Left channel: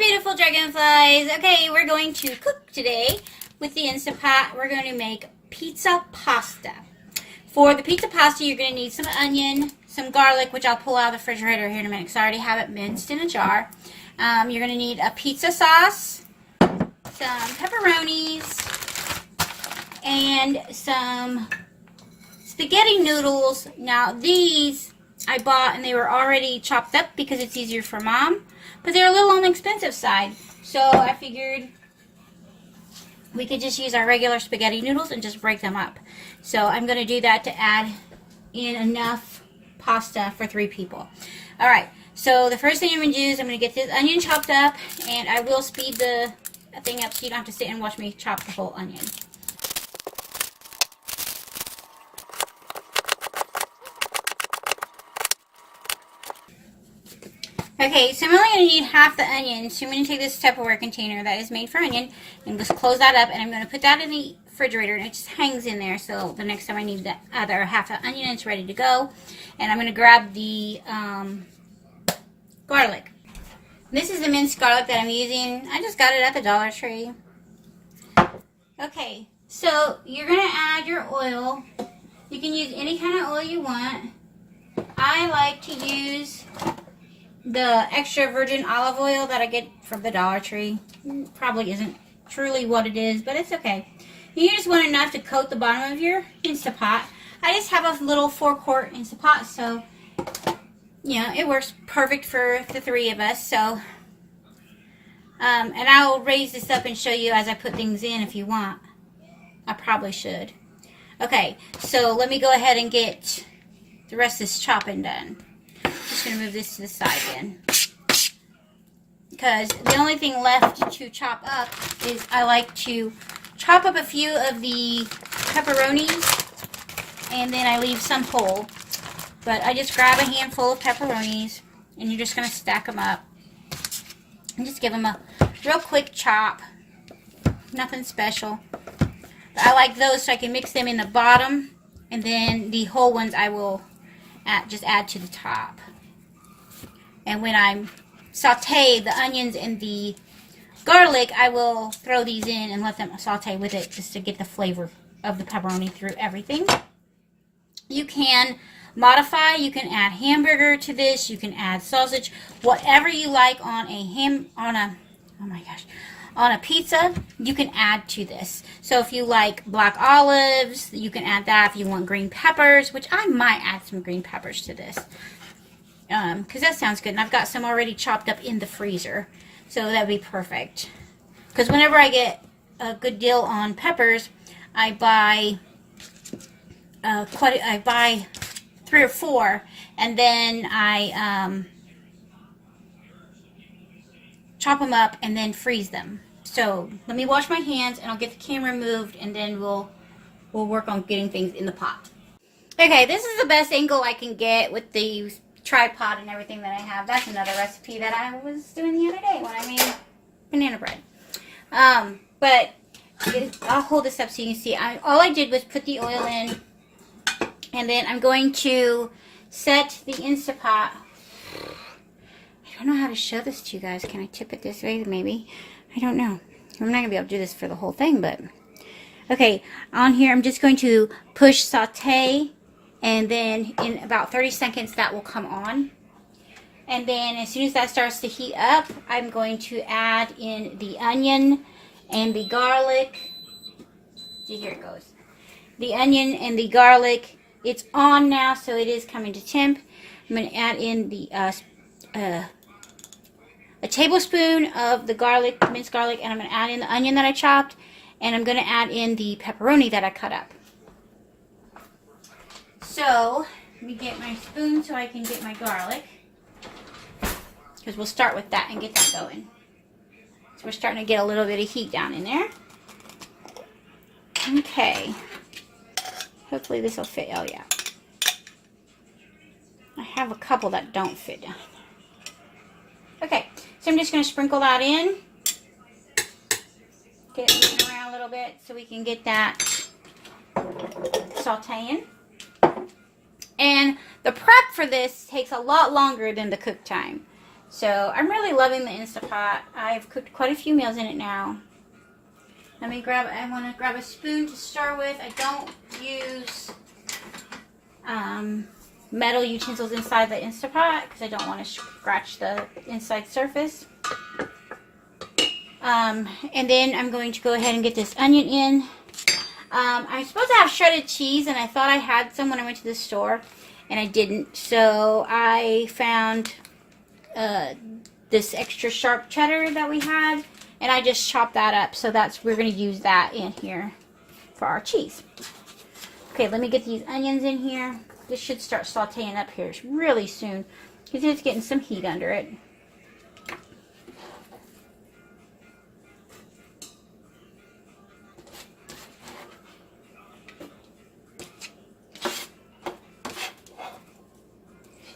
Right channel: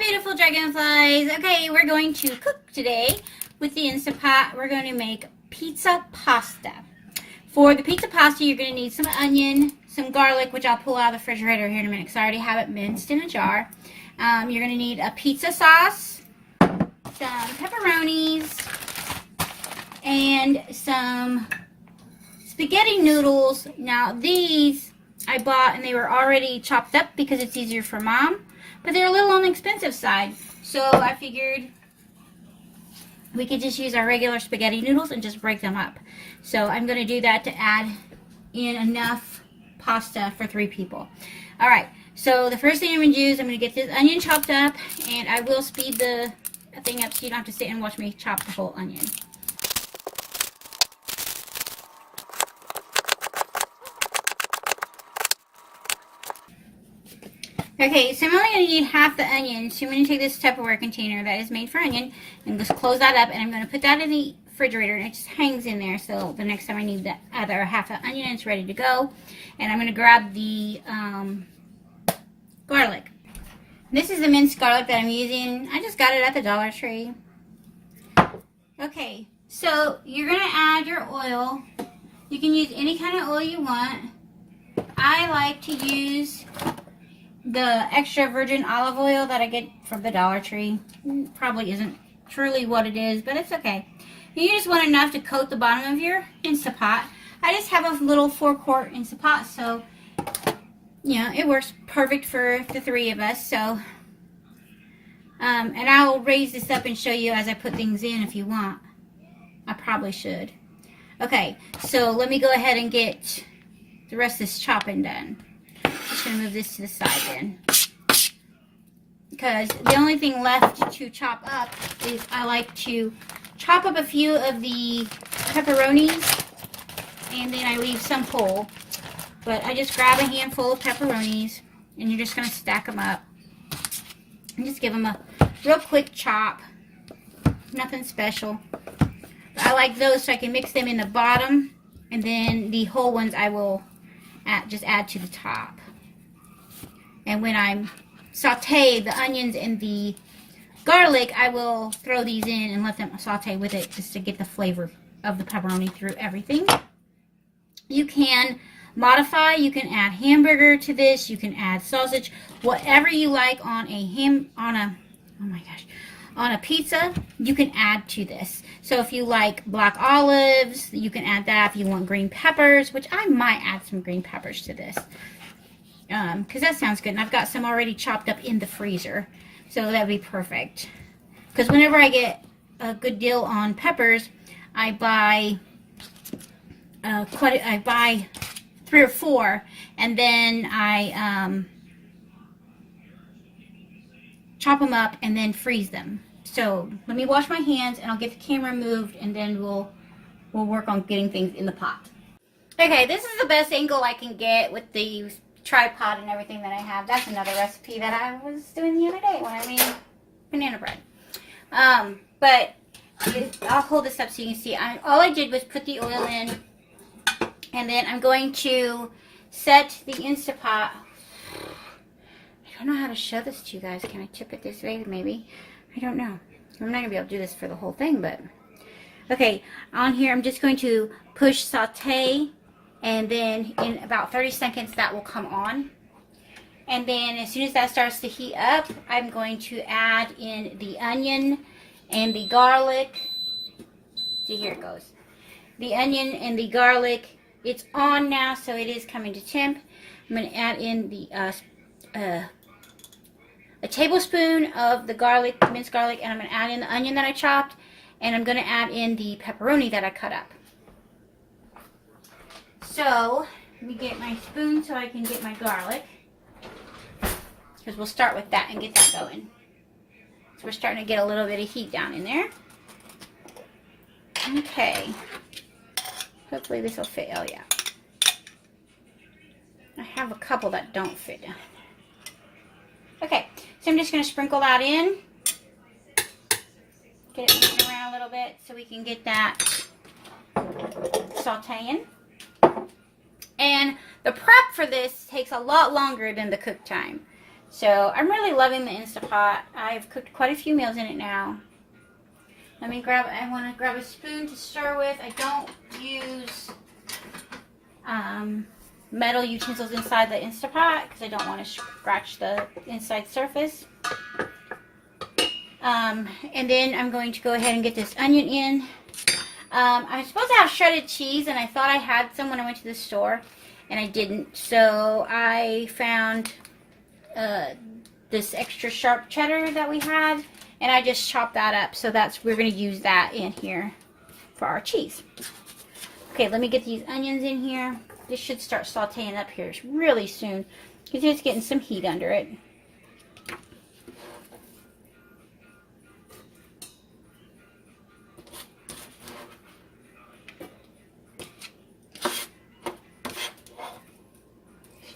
beautiful dragonflies. Okay, we're going to cook today with the Instapot. We're going to make pizza pasta. For the pizza pasta, you're going to need some onion, some garlic, which I'll pull out of the refrigerator here in a minute because I already have it minced in a jar. You're going to need a pizza sauce, some pepperonis, and some spaghetti noodles. Now these I bought and they were already chopped up because it's easier for Mom. But they're a little on the expensive side. So I figured we could just use our regular spaghetti noodles and just break them up. So I'm going to do that to add in enough pasta for 3 people. Alright, so the first thing I'm going to do is I'm going to get this onion chopped up. And I will speed the thing up so you don't have to sit and watch me chop the whole onion. Okay, so I'm only going to need half the onion, so I'm going to take this Tupperware container that is made for onion and just close that up, and I'm going to put that in the refrigerator, and it just hangs in there, so the next time I need the other half the onion, it's ready to go. And I'm going to grab the garlic. This is the minced garlic that I'm using. I just got it at the Dollar Tree. Okay, so you're going to add your oil. You can use any kind of oil you want. I like to use the extra virgin olive oil that I get from the Dollar Tree. Probably isn't truly what it is, but it's okay. You just want enough to coat the bottom of your Instapot. I just have a little 4-quart Instapot, so yeah, it works perfect for the 3 of us. So, and I'll raise this up and show you as I put things in if you want. I probably should. Okay, so let me go ahead and get the rest of this chopping done. Just going to move this to the side then, because the only thing left to chop up is I like to chop up a few of the pepperonis and then I leave some whole. But I just grab a handful of pepperonis and you're just going to stack them up and just give them a real quick chop. Nothing special. But I like those so I can mix them in the bottom, and then the whole ones I will just add to the top. And when I saute the onions and the garlic, I will throw these in and let them saute with it just to get the flavor of the pepperoni through everything. You can modify. You can add hamburger to this. You can add sausage, whatever you like on a pizza. You can add to this. So if you like black olives, you can add that. If you want green peppers, which I might add some green peppers to this. Because that sounds good. And I've got some already chopped up in the freezer. So that would be perfect. Because whenever I get a good deal on peppers, I buy 3 or 4. And then I chop them up and then freeze them. So let me wash my hands and I'll get the camera moved, and then we'll work on getting things in the pot. Okay, this is the best angle I can get with the tripod and everything that I have. That's another recipe that I was doing the other day when I made banana bread. But I'll hold this up so you can see. All I did was put the oil in, and then I'm going to set the Instapot. I don't know how to show this to you guys. Can I tip it this way? Maybe. I don't know. I'm not going to be able to do this for the whole thing, but okay. On here, I'm just going to push saute, and then in about 30 seconds that will come on. And then as soon as that starts to heat up, I'm going to add in the onion and the garlic. See, here it goes. The onion and the garlic. It's on now, so it is coming to temp. I'm going to add in the a tablespoon of the garlic, minced garlic, and I'm going to add in the onion that I chopped, and I'm going to add in the pepperoni that I cut up. So, let me get my spoon so I can get my garlic, because we'll start with that and get that going. So we're starting to get a little bit of heat down in there. Okay. Hopefully this will fit. Oh yeah. I have a couple that don't fit down there. Okay, so I'm just going to sprinkle that in. Get it moving around a little bit so we can get that sauteing. And the prep for this takes a lot longer than the cook time. So I'm really loving the Instapot. I've cooked quite a few meals in it now. I want to grab a spoon to start with. I don't use metal utensils inside the Instapot because I don't want to scratch the inside surface. And then I'm going to go ahead and get this onion in. I'm supposed to have shredded cheese, and I thought I had some when I went to the store, and I didn't. So I found this extra sharp cheddar that we had, and I just chopped that up. So we're going to use that in here for our cheese. Okay, let me get these onions in here. This should start sauteing up here really soon because it's getting some heat under it.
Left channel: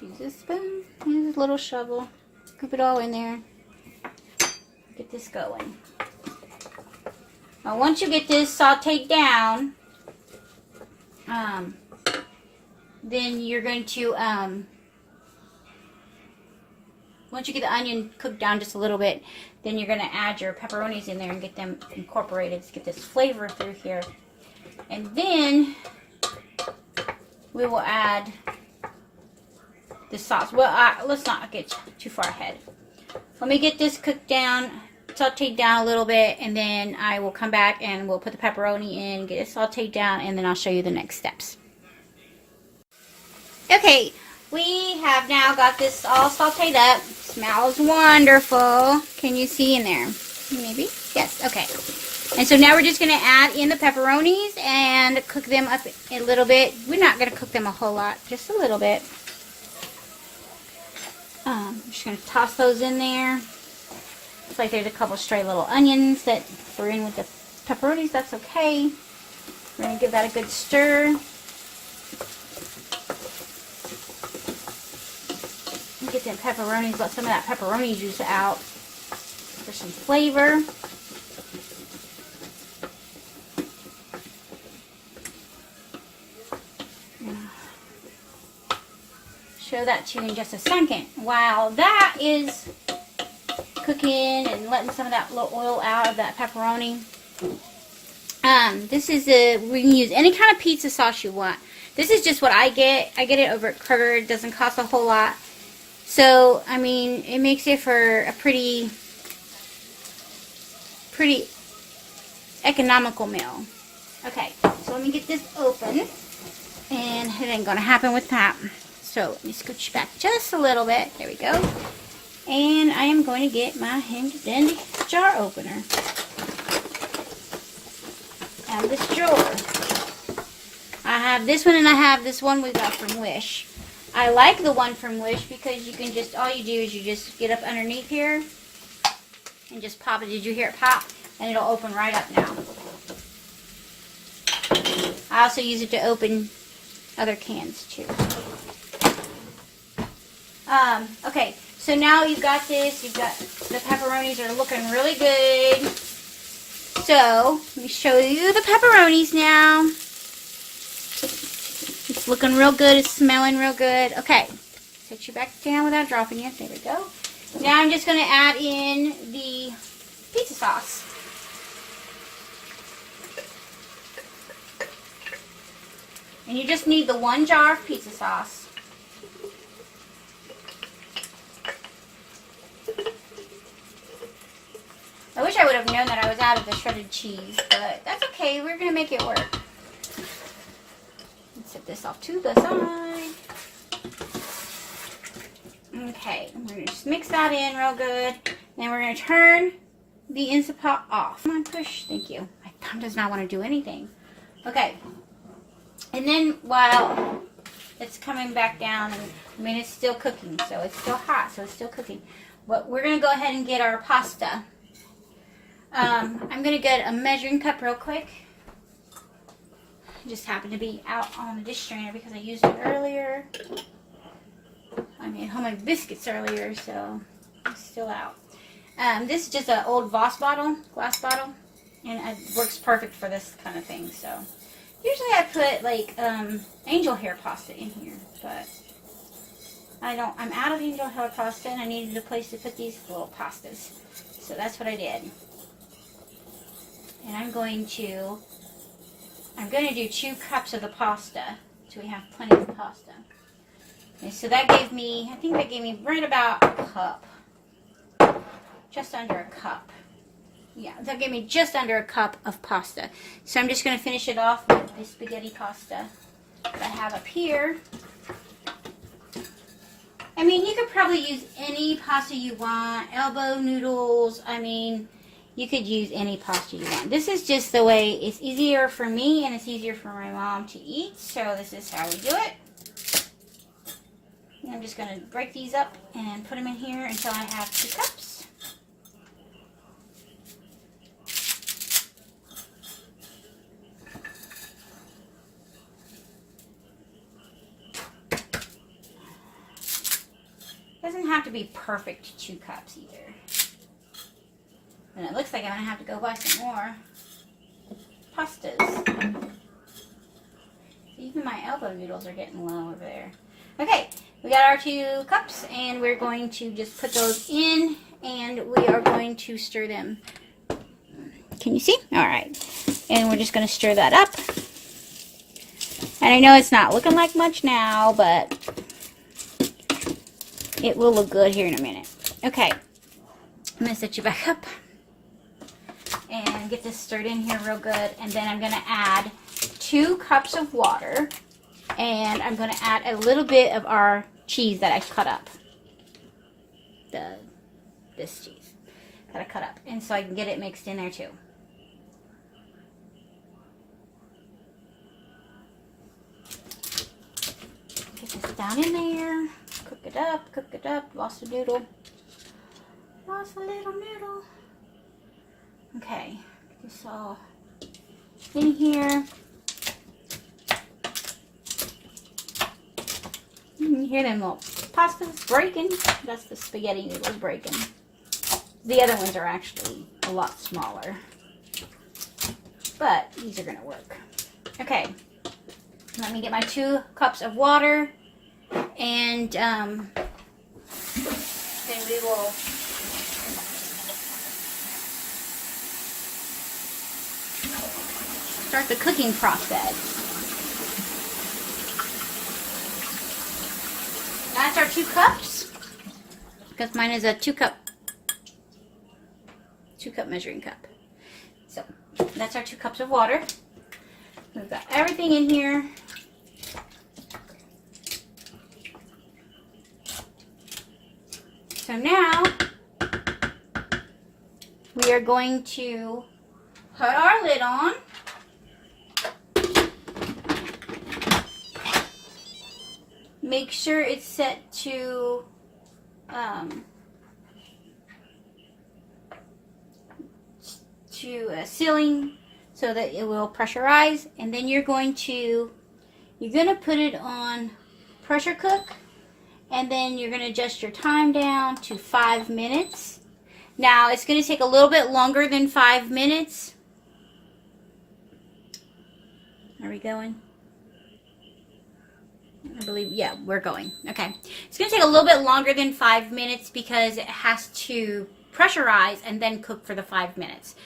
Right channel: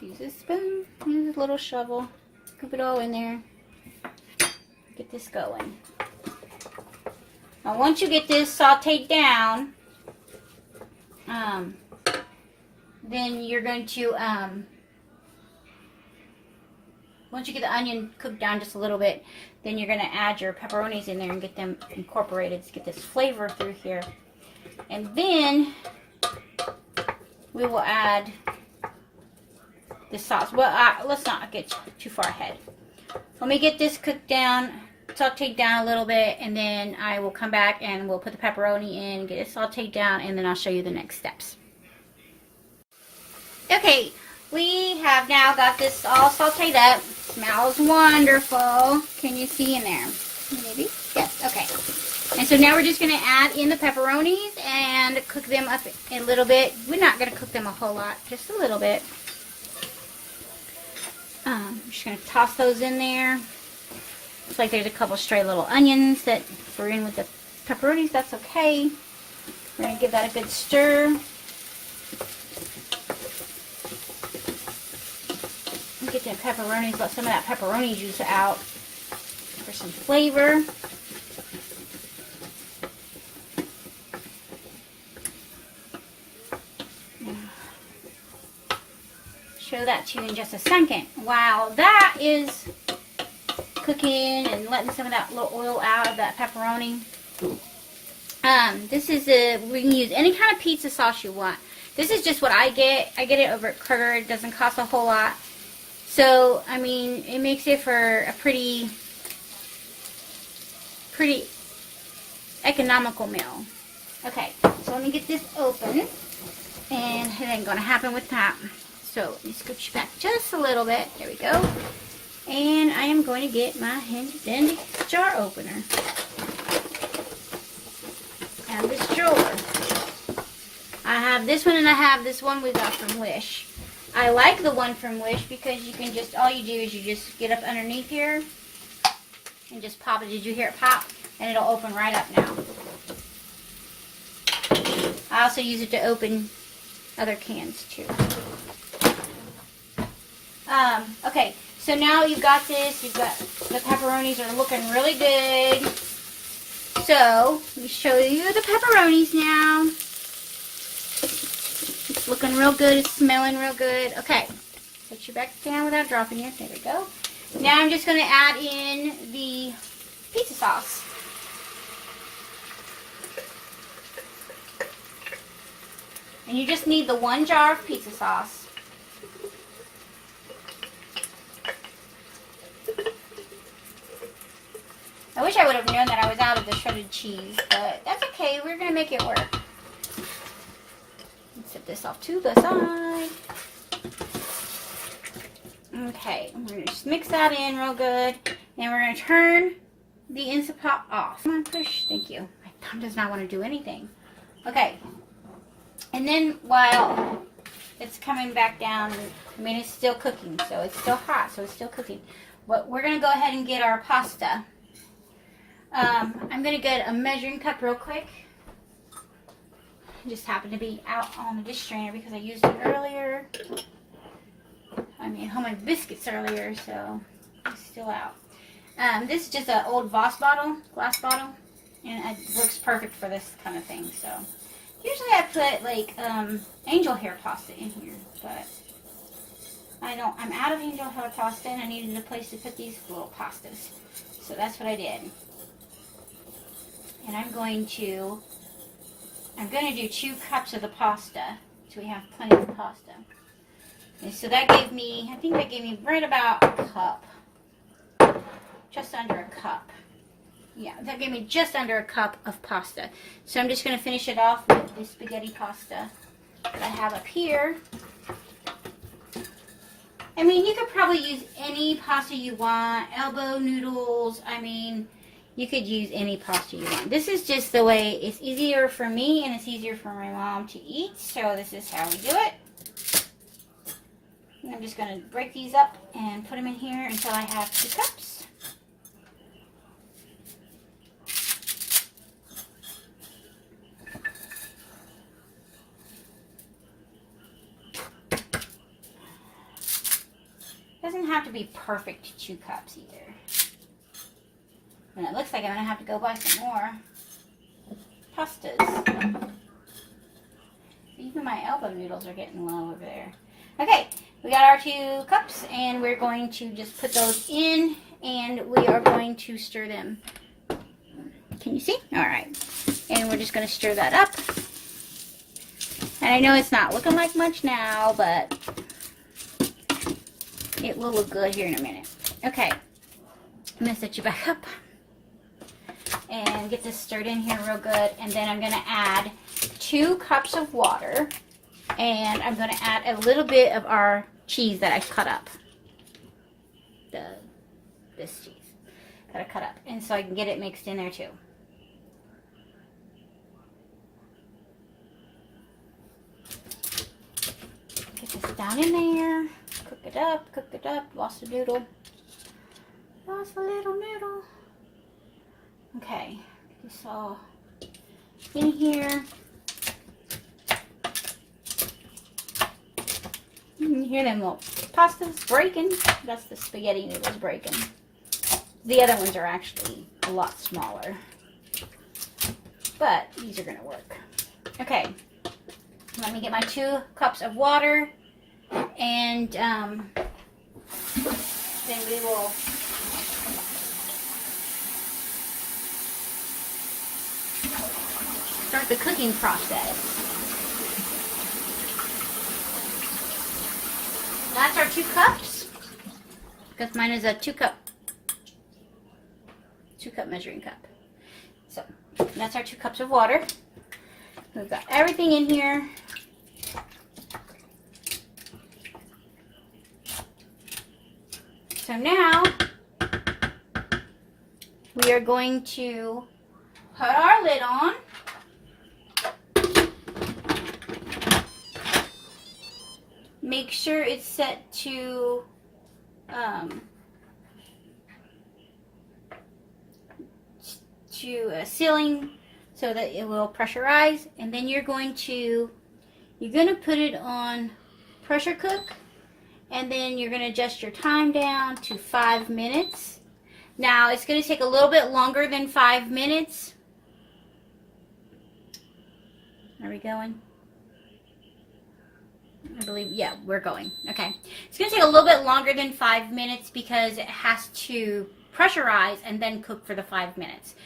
Use a spoon, use a little shovel, scoop it all in there. Get this going. Now once you get this sauteed down, then you're going to, once you get the onion cooked down just a little bit, then you're going to add your pepperonis in there and get them incorporated to get this flavor through here. And then we will add the sauce. Well, let's not get too far ahead. Let me get this cooked down, sauteed down a little bit, and then I will come back and we'll put the pepperoni in, get it sauteed down, and then I'll show you the next steps. Okay, we have now got this all sauteed up. Smells wonderful. Can you see in there? Maybe? Yes, okay. And so now we're just going to add in the pepperonis and cook them up a little bit. We're not going to cook them a whole lot, just a little bit. I'm just going to toss those in there. Looks like there's a couple stray little onions that were in with the pepperonis. That's okay. We're going to give that a good stir. Get the pepperonis, let some of that pepperoni juice out for some flavor. Show that to you in just a second. While that is cooking and letting some of that little oil out of that pepperoni, this is we can use any kind of pizza sauce you want. This is just what I get. I get it over at Kroger. It doesn't cost a whole lot. So, I mean, it makes it for a pretty economical meal. Okay, so let me get this open. And it ain't going to happen with that. So, let me scooch back just a little bit. There we go. And I am going to get my handy-dandy jar opener. And this drawer. I have this one and I have this one we got from Wish. I like the one from Wish because you can just, all you do is you just get up underneath here and just pop it. Did you hear it pop? And it'll open right up now. I also use it to open other cans too. Okay, so now you've got this. You've got the pepperonis are looking really good. So, let me show you the pepperonis now. It's looking real good. It's smelling real good. Okay. Put you back down without dropping you. There we go. Now I'm just going to add in the pizza sauce. And you just need the 1 jar of pizza sauce. I wish I would have known that I was out of the shredded cheese, but that's okay. We're going to make it work. Set this off to the side. Okay, we're going to just mix that in real good. Then we're going to turn the Instapot off. Come on, push. Thank you. My thumb does not want to do anything. Okay. And then while it's coming back down, I mean, it's still cooking, so it's still hot, so it's still cooking. But we're going to go ahead and get our pasta. I'm going to get a measuring cup real quick. Just happened to be out on the dish strainer because I used it earlier. I made homemade biscuits earlier, so it's still out. This is just an old Voss bottle, glass bottle, and it works perfect for this kind of thing. So usually I put like angel hair pasta in here, but I'm out of angel hair pasta, and I needed a place to put these little pastas. So that's what I did. And I'm going to do 2 cups of the pasta, so we have plenty of pasta. And so that gave me, I think that gave me right about a cup. Just under a cup. Yeah, that gave me just under a cup of pasta. So I'm just going to finish it off with the spaghetti pasta that I have up here. I mean, you could probably use any pasta you want. Elbow noodles. I mean, you could use any pasta you want. This is just the way it's easier for me and it's easier for my mom to eat. So this is how we do it. And I'm just going to break these up and put them in here until I have 2 cups. Doesn't have to be perfect 2 cups either. And it looks like I'm going to have to go buy some more pastas. Even my elbow noodles are getting low over there. Okay, we got our 2 cups and we're going to just put those in and we are going to stir them. Can you see? All right. And we're just going to stir that up. And I know it's not looking like much now, but it will look good here in a minute. Okay, I'm going to set you back up and get this stirred in here real good. And then I'm going to add 2 cups of water. And I'm going to add a little bit of our cheese that I cut up. This cheese that I cut up. And so I can get it mixed in there too. Get this down in there. Cook it up, lost a noodle. Lost a little noodle. Okay, get this all in here. You hear them little pastas breaking? That's the spaghetti noodles breaking. The other ones are actually a lot smaller. But these are going to work. Okay, let me get my 2 cups of water. And then we will start the cooking process. That's our 2 cups. Because mine is a 2 cup measuring cup. So that's our 2 cups of water. We've got everything in here. So now, we are going to put our lid on. Make sure it's set to sealing so that it will pressurize. And then you're gonna put it on pressure cook. And then you're going to adjust your time down to 5 minutes. Now, it's going to take a little bit longer than 5 minutes. Are we going? I believe, yeah, we're going. Okay. It's going to take a little bit longer than 5 minutes because it has to pressurize and then cook for the 5 minutes.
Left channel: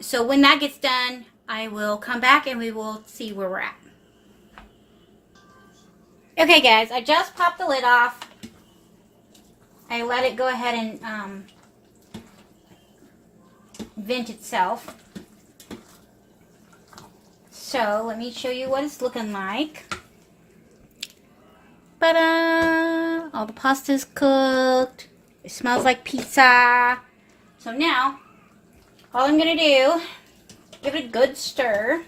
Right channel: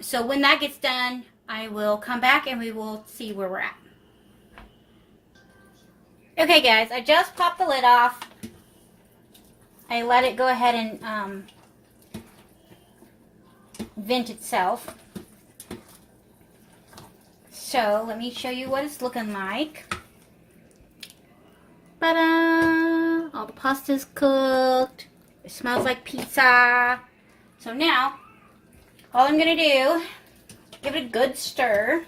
So when that gets done, I will come back and we will see where we're at. Okay guys, I just popped the lid off. I let it go ahead and vent itself. So let me show you what it's looking like. Ta-da! All the pasta's cooked. It smells like pizza. So now, all I'm going to do, give it a good stir.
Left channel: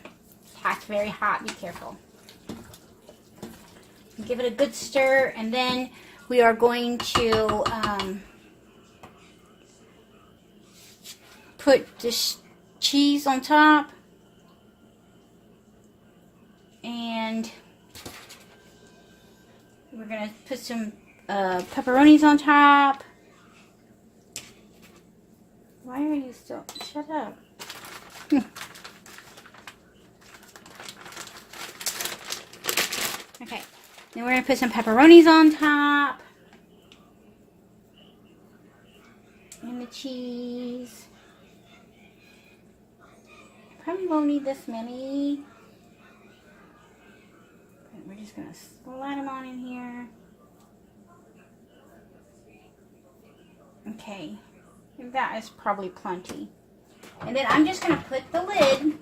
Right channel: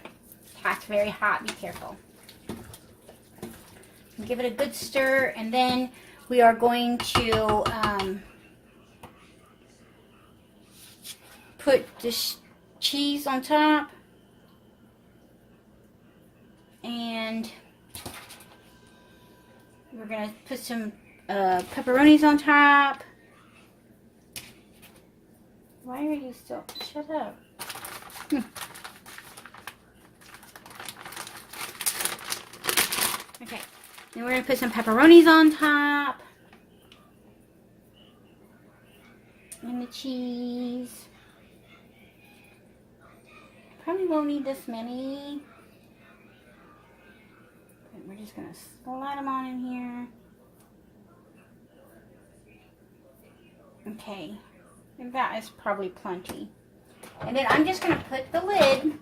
It's very hot, be careful. Give it a good stir, and then we are going to put this cheese on top, and we're going to put some pepperonis on top. Why are you still? Shut up. Okay. Then we're going to put some pepperonis on top. And the cheese. Probably won't need this many. But we're just going to slide them on in here. Okay. And that is probably plenty. And then I'm just going to put the lid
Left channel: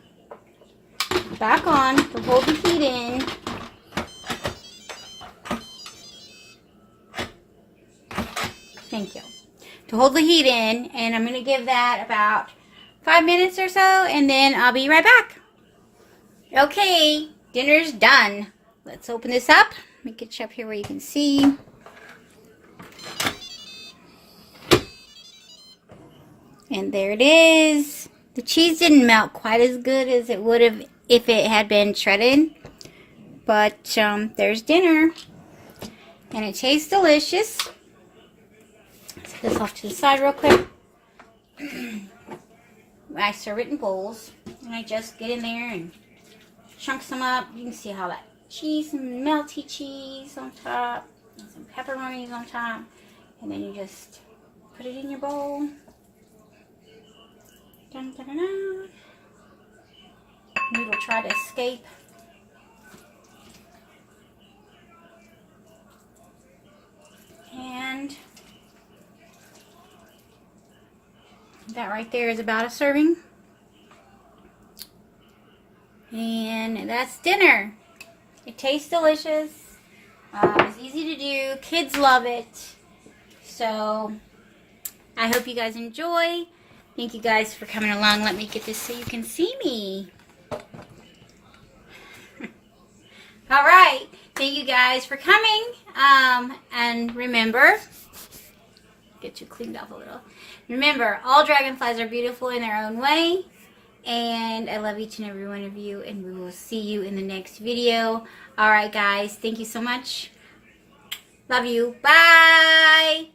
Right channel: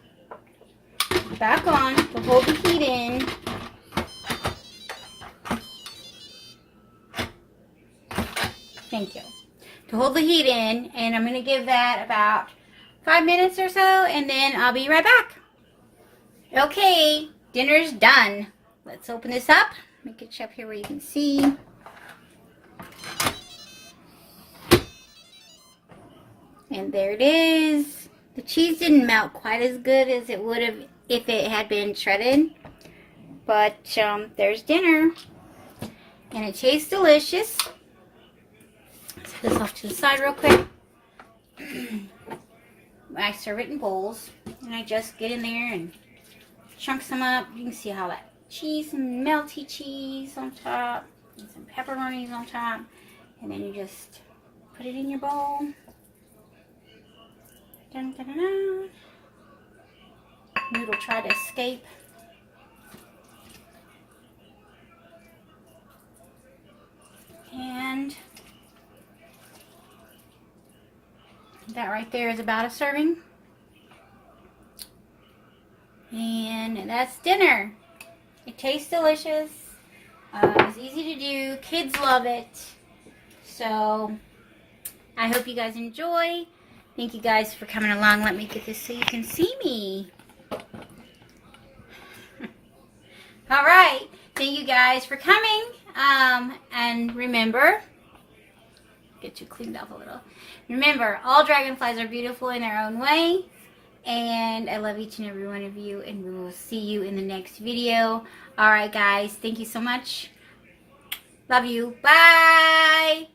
back on to hold the heat in. Thank you. To hold the heat in, and I'm going to give that about 5 minutes or so, and then I'll be right back. Okay, dinner's done. Let's open this up. Let me get you up here where you can see. And there it is. The cheese didn't melt quite as good as it would have if it had been shredded. But there's dinner. And it tastes delicious. Let's put this off to the side real quick. I serve it in bowls. And I just get in there and chunk some up. You can see how that cheese, some melty cheese on top. And some pepperonis on top. And then you just put it in your bowl. Dun, dun, dun, dun. Noodle tried to escape. And that right there is about a serving. And that's dinner. It tastes delicious. It's easy to do. Kids love it. So I hope you guys enjoy. Thank you guys for coming along. Let me get this so you can see me. All right. Thank you guys for coming. And remember, get you cleaned up a little. Remember, all dragonflies are beautiful in their own way. And I love each and every one of you. And we will see you in the next video. All right, guys. Thank you so much. Love you. Bye.